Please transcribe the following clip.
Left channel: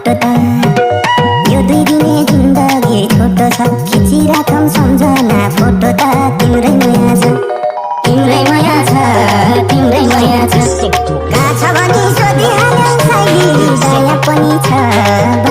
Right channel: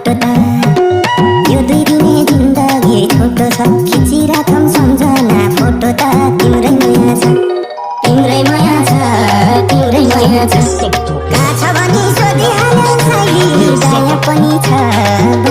photo त यो 2 दिने जिन्दगी छोटो छ खिचिराखम सम्झना फोटो त तिम्रै माया छ तिम्रै माया छ तिम्रै माया छ कहाँ छ भनी सोधिहाल्यौ साइली दया पनि छ